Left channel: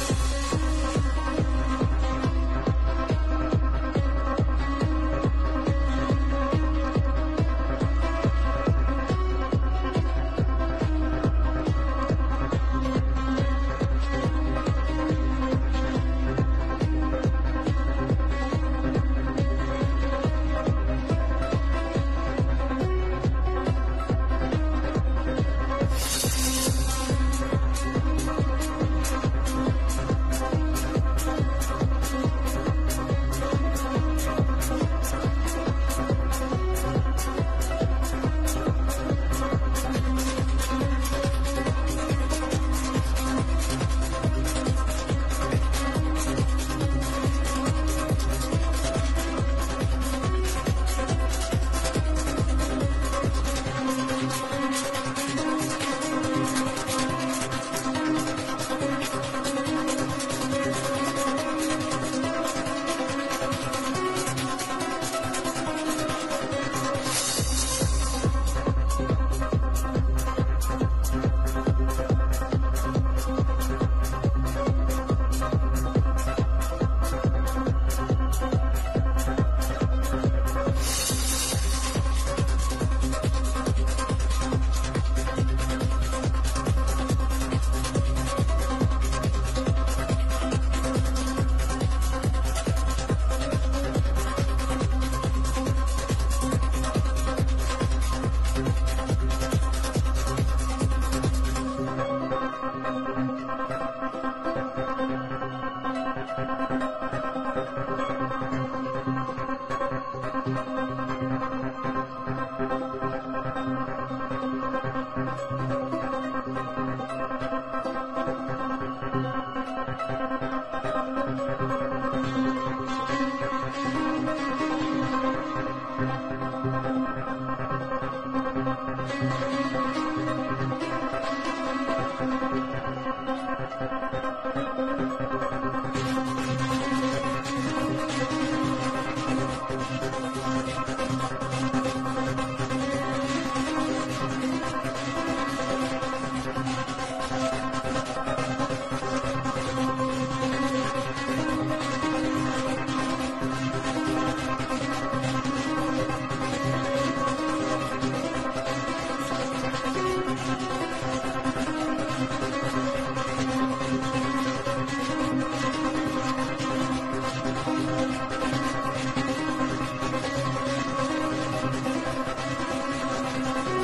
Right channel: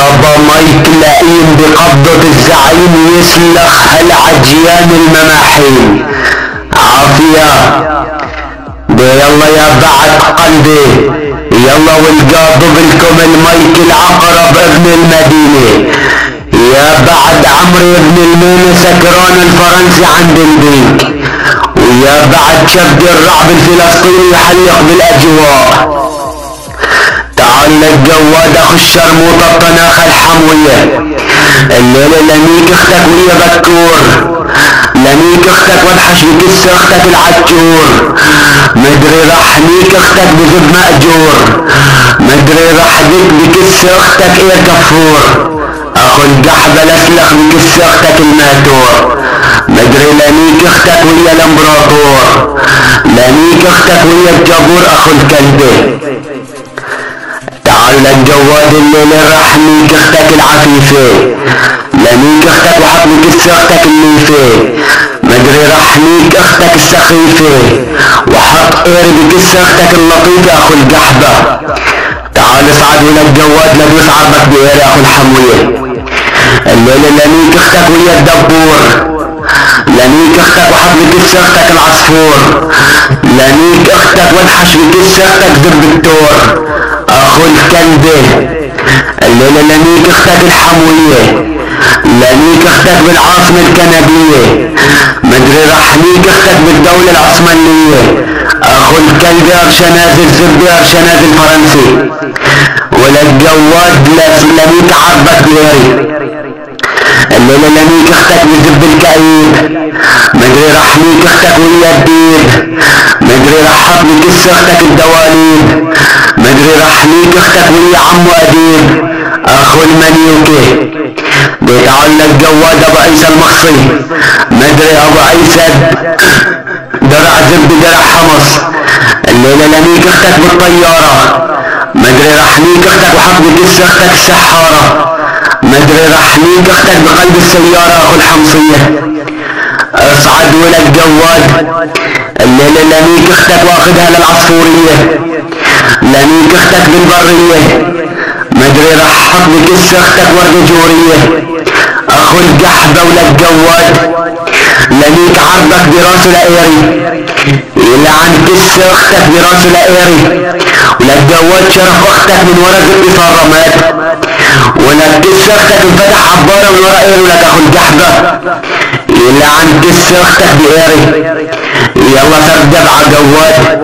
يابا مايك لئيم بقبضة الزعيم يسلخ هالعجيان المماحين. عافية دي يلا يا بعد قلبي، يلا والقاضي بالكم المايك العقرب ابن المدينة، يا بعد عمري ابن الميمة سكران الفرنسي عند البيك، ويا بعد شبد الرعب الفلسطيني يحلق بالاجواء. تعال الجواد اخو الشرموطة الطناخة الحموية، الليلة لميك اختك ويا بكور، لميك اختك وادحش بكس اختك العجور، مدري راح ميك اختك بزب مأجور، مدري راح ديك بكس اختك ايه كفور، اخو القحبة لسلخ بكس اختك الماتور، مدري لميك اختك ويا الامبراطور، لميك اختك ويا الجابور اخو الكلبة. تعال الجواد الليلة راح ميك اختك العفيفة، لميك اختك وحط بكس اختك النيفة، مدري راح ميك اختك السخيفة وحط قير بكس اختك اللطيفة اخو القحبة. تعال اصعد ولا الجواد لدوس عرضك بقير اخو الحموية، الليلة لميك اختك ويا الدبور، لميك اختك وحط بكس اختك العصفور، لميك اختك وادحش بكس اختك دب التور اخو الكلبة. الليلة لميك اختك الحموية، لميك اختك بالعاصمة الكندية، مدري راح ميك اختك بالدولة العثمانية اخو الكلبة ارشناز الزبدة ارشناز الفرنسي، ولا الجواد لميك عربك بغيري. الليلة لميك اختك بزب الكئيب، مدري راح ميك اختك ويا الديب، مدري راح حط بكس اختك الدواليب، مدري راح ميك اختك ويا عمو اديب اخو المنيوكي. بيتعلق جواد ابو عيسى المخصي، مدري ابو عيسى درع زب درع حمص، الليلة لميك اختك بالطيارة، مدري راح ميك اختك وحط بكس اختك السحارة، مدري راح ميك اختك بقلب السيارة اخو الحمصية. اصعد ولا الجواد الليلة لميك اختك واخدها للعصفورية، لميك اختك بالبرية، مدري راح حط بكس اختك ورد جورية اخو القحبة ولا الجواد. لميك عرضك براسه لقيري، يلعن كس اختك براسه لقيري، ولا الجواد شرف اختك من ورا زب صرامات، ولا كس اختك انفتح عبارة من ورا قيري ولك اخو القحبة، يلعن كس اختك بقيري. يلا سردب ع جواد